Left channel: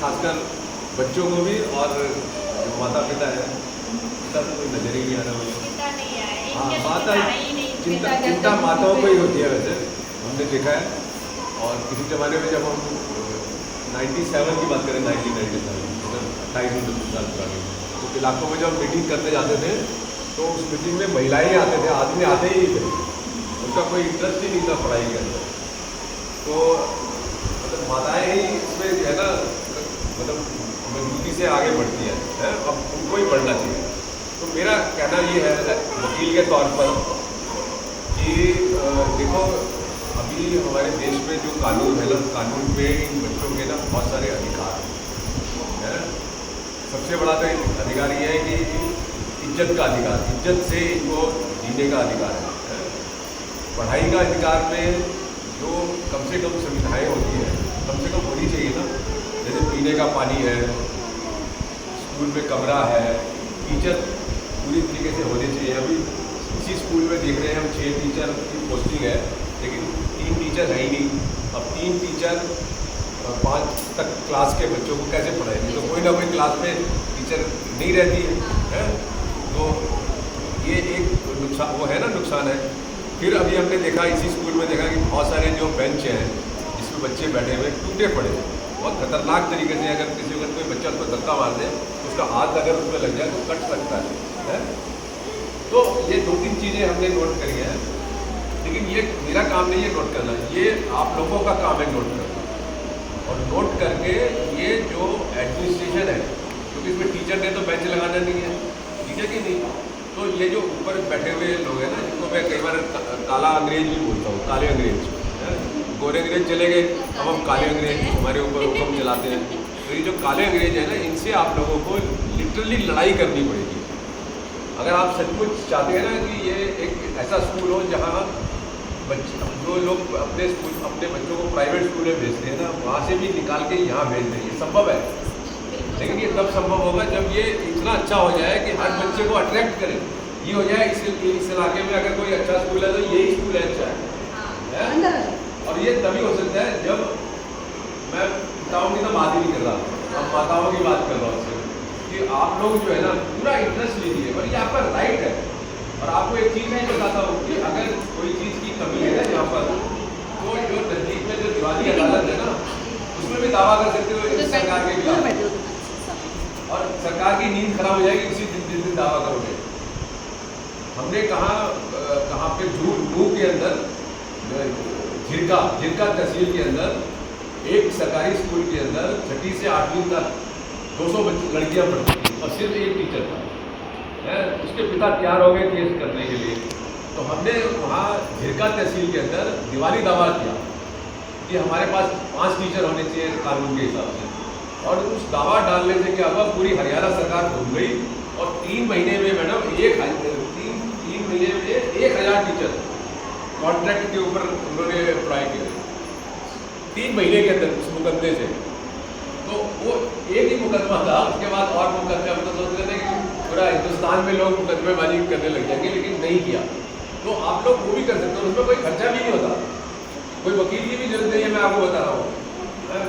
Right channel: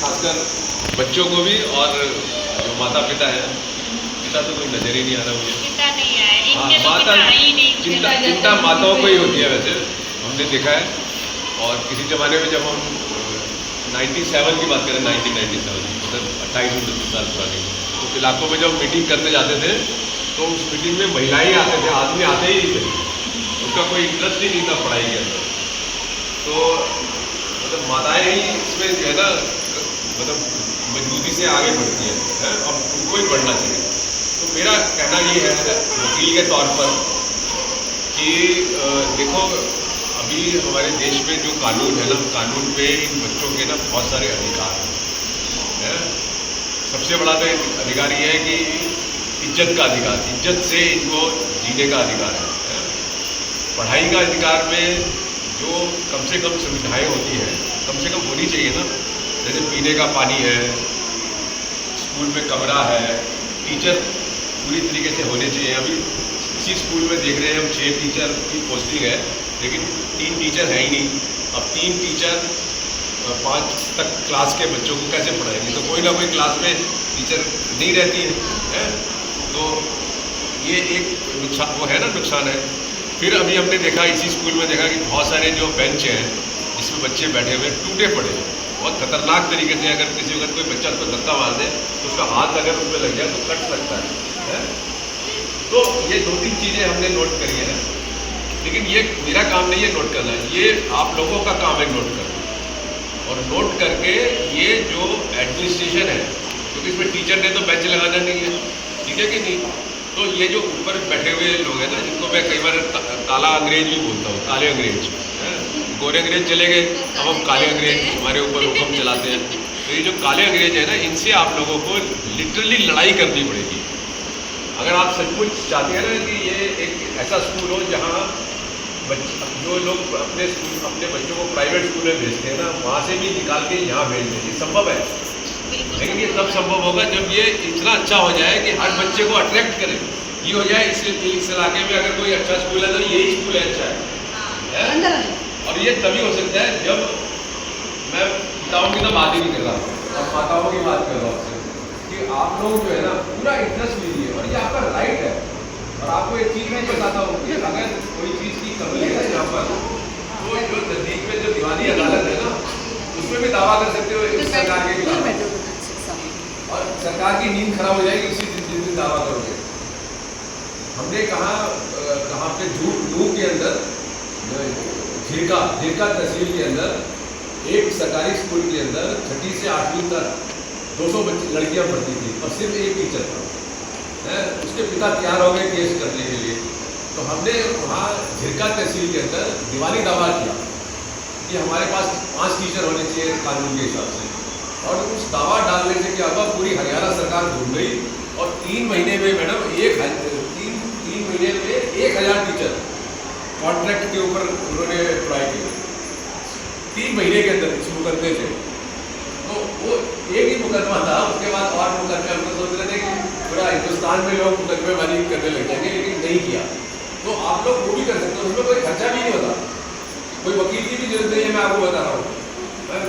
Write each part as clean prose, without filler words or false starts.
खासकर बच्चों को भी, और जो माता पिता है, पिता तो कोई नजर ही नहीं आ रहा मुझे। चिंता नहीं है, हाँ, इनके तो माता दिखाई नहीं, चिंता माताओं को ही होती है वैसे, हमने देखा है। और किसी ज़माने में जब हम 97 की बात करें, 1997 मतलब 28-29 साल पुरानी, तो इलाकों में जब मीटिंग करने जाते थे तो उस मीटिंग में महिलाएं आते थे, आदमी आते ही नहीं थे, उनका कोई इंटरेस्ट ही नहीं था पढ़ाई के अंदर। तो मतलब माताएं ही इसमें जो है ना, मतलब मजबूती से आगे बढ़ती हैं, और उनको ही पढ़ना चाहिए। तो मेरा कहना ये है वकील के तौर पर कि देखो, अभी हमारे देश में जो कानून है ना, कानून पे इन बच्चों के ना बहुत सारे अधिकार हैं। सबसे बड़ा तो अधिकार ये है कि इज्जत का अधिकार, इज्जत से इनको जीने का अधिकार है। पढ़ाई का अधिकार में जो कम से कम सुविधाएँ होती हैं, कम से कम होनी चाहिए ना, जैसे पीने का पानी है, स्कूल में कमरा है, टीचर पूरी तरीके से होने चाहिए। अभी इसी स्कूल में देख रहे हैं हम 6 टीचर की पोस्टिंग है, लेकिन 3 टीचर है ही नहीं। अब 3 टीचर 5 तक क्लास के बच्चों को कैसे पढ़ाएंगे? तो कोई ना कोई क्लास में टीचर नहीं रहती है। तो ये एक नुकसान, वो है ना, नुकसान है। फिर अभी हमने देखा, इसी स्कूल में देखा कि बहुत सारे जो बेंच हैं जिसमें बच्चे बैठे हुए टूटे पड़े, बहुत खतरनाक तरीके से। अगर कोई बच्चा उसको धक्का मार दे तो उसका हाथ अगर उसमें लग जाए तो कट सकता है। तो ये 2-3 चीज़ें हमने नोट करी हैं, लेकिन ये मेरा काम नहीं है नोट करना, ये आप लोगों का काम है नोट करना। और नोट करके ये जो एडमिनिस्ट्रेशन है, क्योंकि इसमें टीचर ने तो बेंच लगाना नहीं है, ठीक है कि नहीं? तो ये जो ऊपर बैठे हुए लोग हैं ना, जिनको मैं कई बार काला अंग्रेज भी बोलता हूँ, काले अंग्रेज हैं। गोरे अंग्रेज चले गए, अब हम काले अंग्रेज हमारे ऊपर हुक्म चलाते हैं। तो ये जो काले अंग्रेज हैं ना, इनसे आप लोगों को लिटरली लड़ाई करनी पड़ेगी। अगर आप सचमुच चाहते हैं ना कि ये एक ऐसा स्कूल हो जहाँ जो लोग अपने बच्चों को प्राइवेट स्कूल में भेजते हैं ना, वहाँ से भी निकाल के यहाँ भेजते हैं, ये संभव है। लेकिन ये तब संभव होगा जब ये इतना अच्छा हो जाए कि हर बच्चे को अट्रैक्ट करे। ये हो जाए इस इलाके में अगर कोई अच्छा स्कूल है तो यही स्कूल है अच्छा है। और ये तभी हो सकता है जब, मैं पिताओं की तो बात ही नहीं कर रहा, अब माताओं की बात कर रहा हूँ कि आप लोग जो है ना पूरा इंटरेस्ट लीजिए, और ये आपका राइट है। और आपको एक चीज़ मैं बताता हूँ कि अगर कोई चीज़ की कमी है यहाँ पर, तो जो नज़दीक में जो दिवाली अदालत है ना, उसमें भी दावा कर सकते हो सरकार के खिलाफ, और सरकार की नींद खराब हो जाएगी उसी जिस दिन दावा करोगे। हमने कहाँ पे नूह के अंदर, झिरका तहसील के अंदर एक सरकारी स्कूल के अंदर 6ठी से 8वीं तक 200 लड़कियां पढ़ती थी, और सिर्फ एक टीचर था। उसके पिता तैयार हो गए केस करने के लिए। तो हमने वहाँ झिरका तहसील के अंदर दिवाली दावा किया कि हमारे पास 5 टीचर होने चाहिए कानून के हिसाब से। और उस दावा डालने से क्या हुआ, पूरी हरियाणा सरकार घूम गई, और 3 महीने में मैडम 3 महीने में 1000 टीचर कॉन्ट्रैक्ट के ऊपर उन्होंने पढ़ाई की 3 महीने के अंदर इस मुकदमे से। तो वो एक ही मुकदमा था, उसके बाद और मुकदमे हम तो सोच रहे थे कि पूरा हिंदुस्तान में लोग मुकदमेबाजी करने लग जाएंगे, लेकिन नहीं किया। तो आप लोग वो भी कर सकते हो, उसमें कोई खर्चा भी नहीं होता, कोई वकील की भी जरूरत नहीं है। मैं आपको बता रहा हूँ,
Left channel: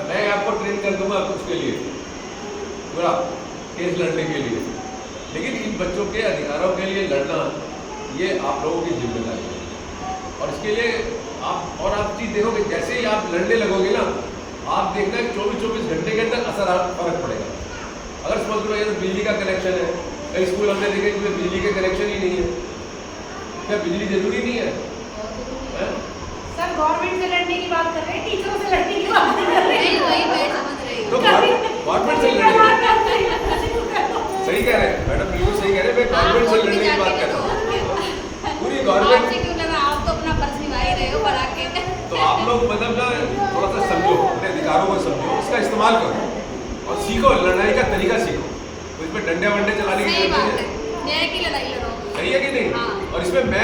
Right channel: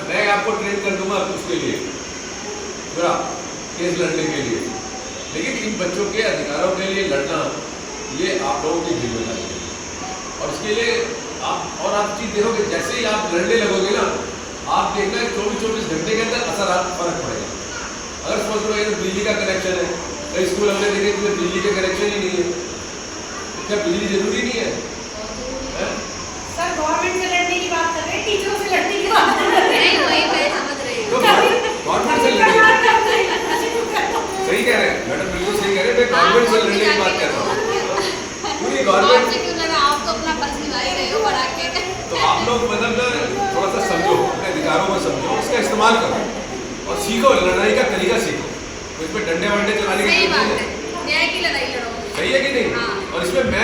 मैं आपको ट्रेन कर दूंगा उसके लिए, पूरा केस लड़ने के लिए। लेकिन इन बच्चों के अधिकारों के लिए लड़ना, ये आप लोगों की जिम्मेदारी है। और इसके लिए आप चीज़ देखोगे, जैसे ही आप लड़ने लगोगे ना, आप देखना 24 घंटे के अंदर फर्क पड़ेगा। अगर सपोज करो बिजली का कनेक्शन है, कई स्कूल हमने देखे जिसमें बिजली के कनेक्शन ही नहीं है, क्या बिजली जरूरी नहीं है? सर गवर्नमेंट से लड़ने की बात कर रहे हैं, टीचरों से लड़ने की बात कर रहे हैं। वही मैं समझ रही हूँ। तो गवर्नमेंट से लड़ने सही कह रहे हैं मैडम, बिल्कुल सही कह रहे हैं। मैं गवर्नमेंट से लड़ने की बात कर रहा हूँ, पूरी गवर्नमेंट। आप तो अपना पक्ष निभा ही रहे हो बड़ा के। तो आप लोग मतलब ना थोड़ा सा समझो, अपने अधिकारों को समझो, उसका इस्तेमाल करो और सीखो, लड़ाई का तरीका सीखो। तो इसमें डंडे वंडे चलाने की जरूरत नहीं है। न्याय की लड़ाई लड़ो। सही है कि नहीं? और इसमें मैं